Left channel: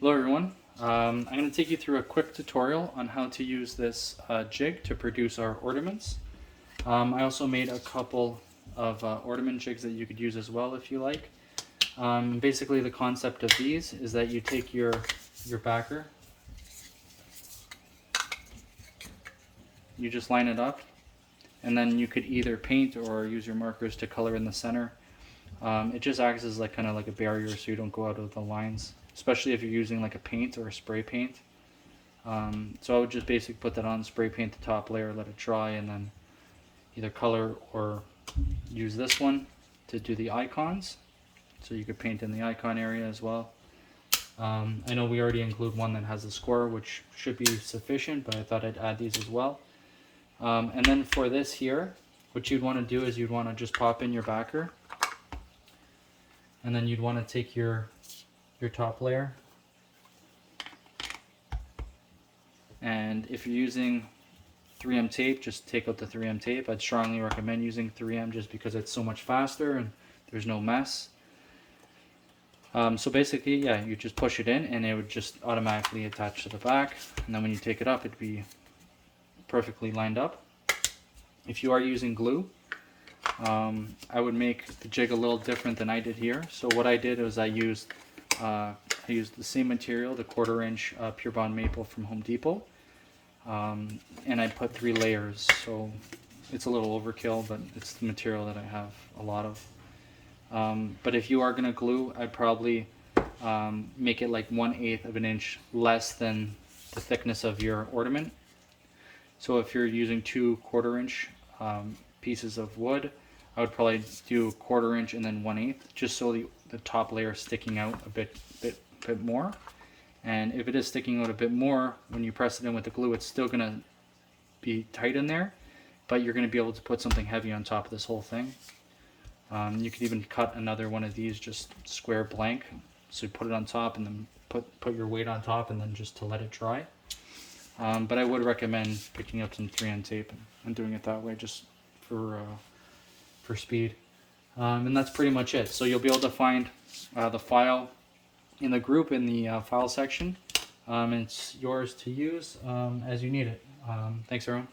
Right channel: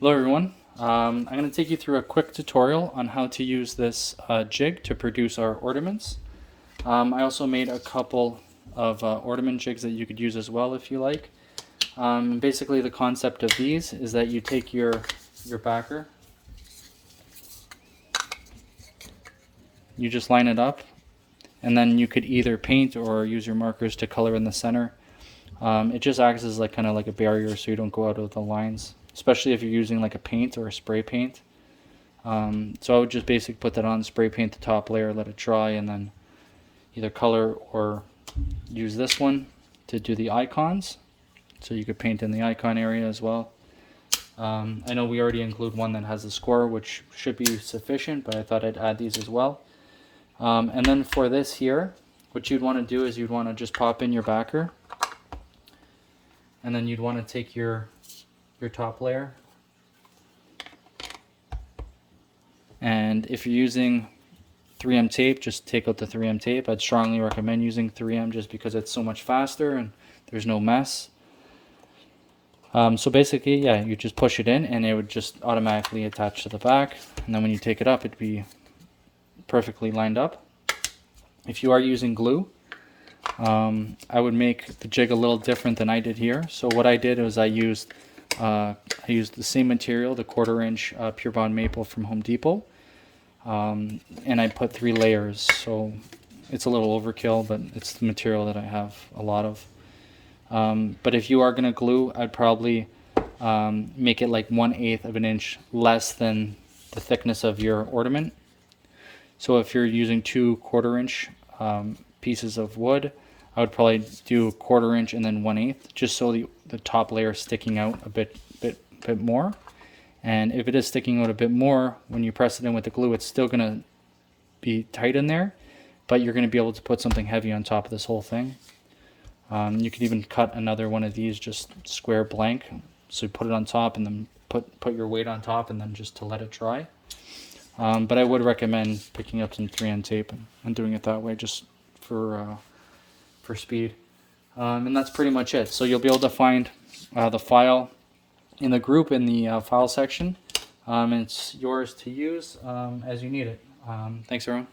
Hello everyone. I'm going to take you through a quick tutorial on how to use this jig to produce our ornaments. I also made a couple of ornament jigs that you could use as well if you like. Basically the concept of these is that you take your backer, you just line it up, and then you could either paint or use your markers to color in the center. It just acts as like kind of like a barrier so you don't go out of the lines, especially if you're using like a paint or a spray paint. So I would just basically put that on, spray paint the top layer, let it dry, and then either color or use this one to do the icons. So you could paint in the icon area as well. I know we already include one that has a score, which should be sufficient, but I thought I'd add these as well. And then for this here, what you'd want to do is you'd want to just pop in your backer, and then you'd want to take your top layer, and if you're using 3M tape, just take out the 3M tape. I'd strongly recommend using 3M just because it's so much faster and there's no mess. So basically, yeah, you just push it in and it would just automatically attach to the back, and then when you take it up, it'd be perfectly lined up. If you are using glue, I would make the jig a little different than I did here. So what I did was I used the same material, the 1/4 inch Pure Bond Maple from Home Depot, and I put 3 layers. So it's a little overkill, but it's the material that I have a lot of. But if you are going to glue, I'd probably make it like 1/8 of an inch less than the thickness of your ornament. So if you're using 2 1/4 inch pieces of wood, I would probably do 1/4 inch and then 1/8, just so the top layer is sticking out a bit more. And if it is sticking out a bit more, when you press it in with the glue, it's still going to be tight in there, but you're going to be able to put something heavy on top of this whole thing. You could even cut another one of these just square blank, so you put it on top and then put your weight on top and then just to let it dry. But I would recommend picking up some 3M tape and doing it that way just for speed. And that's pretty much it. So you'll be able to find the file in the group in the file section. It's yours to use as you need it. Thanks everyone.